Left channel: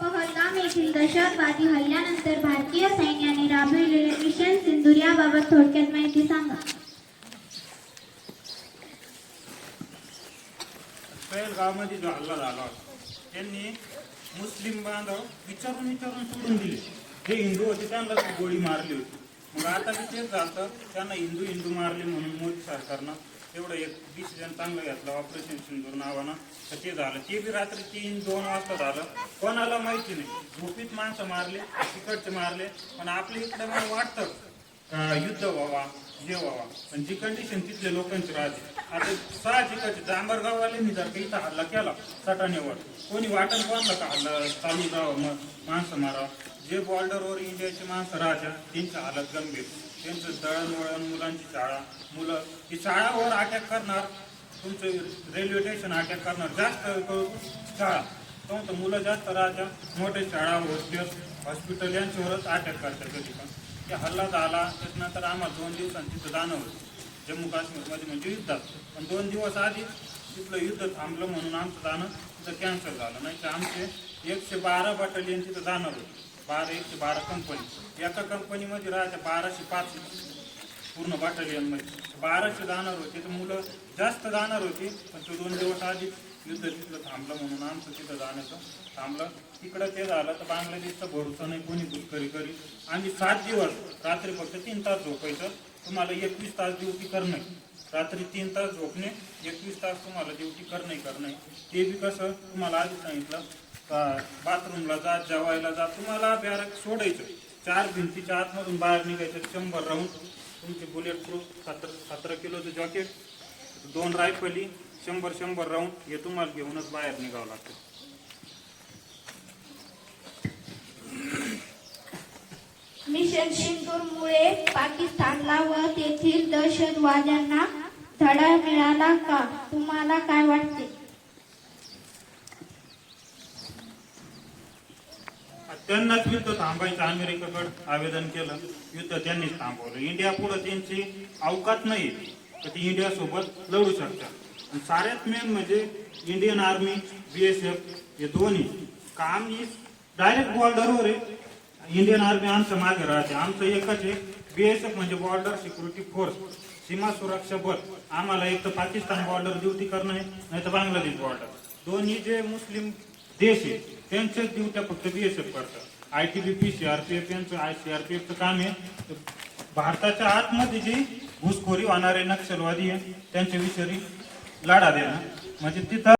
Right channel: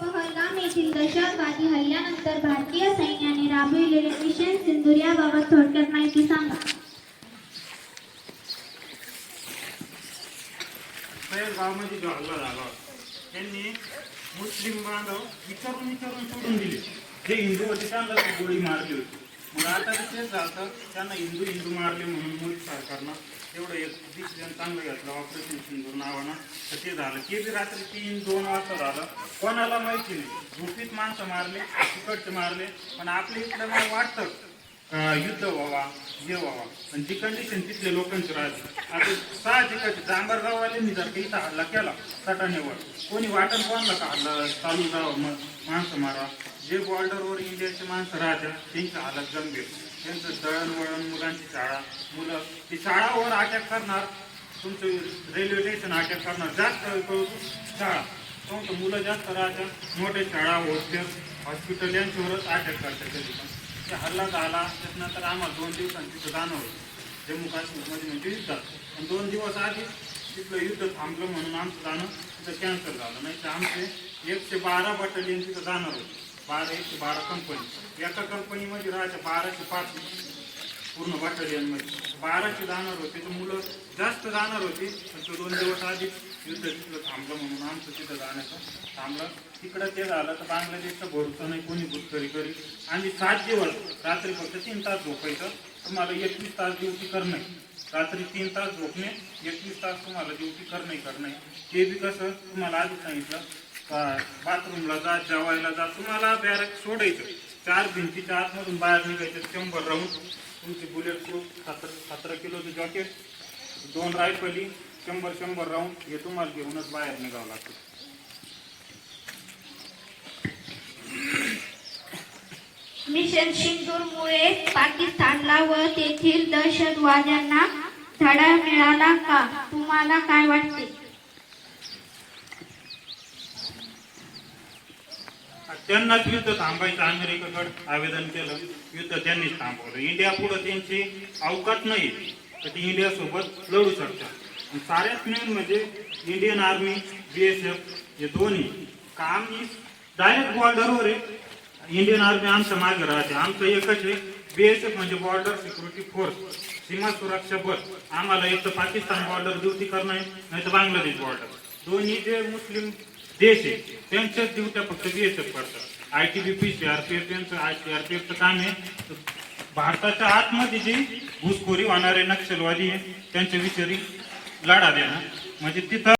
पहलगाम येथील दहशतवादी हल्ल्यानंतर भारतीय सैन्याने राबविलेले मिशन सिंदूर याबाबत थोडक्यात माहिती सांगा. पहलगावमध्ये जो हल्ला झाला त्यांनी मुस्लिम बांधव विचारून सोडून दिले. जे हिंदू होते त्यांना गोळी मारली होती. मग आता तेच झालं, त्यांना हिंदू मारले म्हणून मोदी सरकारनं एवढं एक डिसिजन चांगलं घेतलं ऑपरेशन सिंदूर नावानं. तर ते झालं, ते बी रात्री 3-2 वाजता झालं. कोणाला माहिती नाही, झोपीत माणसं मारले, तिकडचे मारले. पण आपल्या इकडं मला वाटतं युद्ध व्हावा, हे व्हावा. पण जी कंडिशन तिथल्या लोकांची राहते. आता साहजिकच डांबरगाववाल्यांनी जर काही इथं हल्ला केला सटाण्यावर, कोणी वाटण कोणाला का हल्ला चालू जावं, मग माणसं मारा. जे बॉर्डरवर इंडियाचे माणसं राहतात त्यांचं हालत गंभीर. त्यांचं दळणवळण, मुलांची शाळा, मुलं ती शाळावर अटॅक करणार, तुमचं रेल्वे स्टेशन अटॅक करणार, जास्त शाळा तुमचं मुलं जास्त राहतात. मोठे शाळा, हॉस्पिटल यांच्यावरच अटॅक करतात. कधी पण ते हल्ला झाला त्याच्यानंतर आम्हाला 2 दिवसांनी तिथं जाणं होतं जम्मू काश्मीरमध्ये, म्हणजे युद्धात. पण 2 दिवस आधी तिथलं युद्ध थांबलं म्हणून आमचं जाणं तिथं कॅन्सल झालं. नाही तर आमचे 112 बटालियन तिथं जाणार होते. 112 कंपनी, एका कंपनीमध्ये राहायच्या 1205 पूर्ण बटालियनमध्ये 1200 जाणार होते. तर मुलं जास्त जाणार होती. पण ते 2 दिवस आधी युद्ध तिथलं थांबलं म्हणून आमचं तिथं जाण्याचं थांबलं. तिकडं ते झालं तर बांगलादेशचं भरोसा नाही, कोणी घुसखोरी करी. आणि 7 दिवस रात्री फक्त 3 तास झोपायचं. तुम्हाला 21 तास ड्युटी करणं, रात्री 3 तास झोपणे, 21 तास तुम्हाला ड्युटी करणं. ते बी कसं, तुम्हाला आधी सांगितलं का बाथरूमला जा, जेवायला जा, तुम्हाला बॅरक सोडायचं. 4 भिंतीच्या आतमधून बाहेर निघायचं. 100 राऊंड तुमचे बुलेट प्रूफ 17 किलोचं जॉकेट, 2 रायफली, 100 राऊंड हे तुम्हाला घेऊनच बाहेर निघावं लागतं. मिशन सिंदूरमुळे पाकिस्तानला व तेथील दहशतवाद्यांना धडा मिळाला का? तुम्हाला काय वाटते? त्यांनाच युद्ध थांबायचं अमेरिकेकडे आवेदन केलं, युद्ध त्यांनीच थांबवलं. इंडिया पुढे त्यांची अवकात नाही तर ती इंडिया सोबत लढू शकतात. आणि साऱ्यात मेन म्हणजे इंडियन आर्मी, BSF हे दोन्ही काम डायरेक्ट बॉर्डरवर आहे. इंडियन आर्मी आमच्या मागे राहते. आमचं एकच आहे, BSF म्हणजे बॉर्डर सिक्युरिटी फोर्स, सीमा सुरक्षा बल. आम्हाला एक तर पाकिस्तान बॉर्डर ड्युटी करणं आहे, नाही तर बांगलादेश बॉर्डर. दोन्ही जे मुस्लिम देश आहे त्यांच्याच ड्युट्या फक्त BSF करतात. ITBP, CRPF यांचं CRPFचं काम आहे भारताच्या आतमध्ये जी घुसखोरी होणारे नक्षलवादी आहे त्यांच्या विषयी लढा देणं. म्हणजे तिथं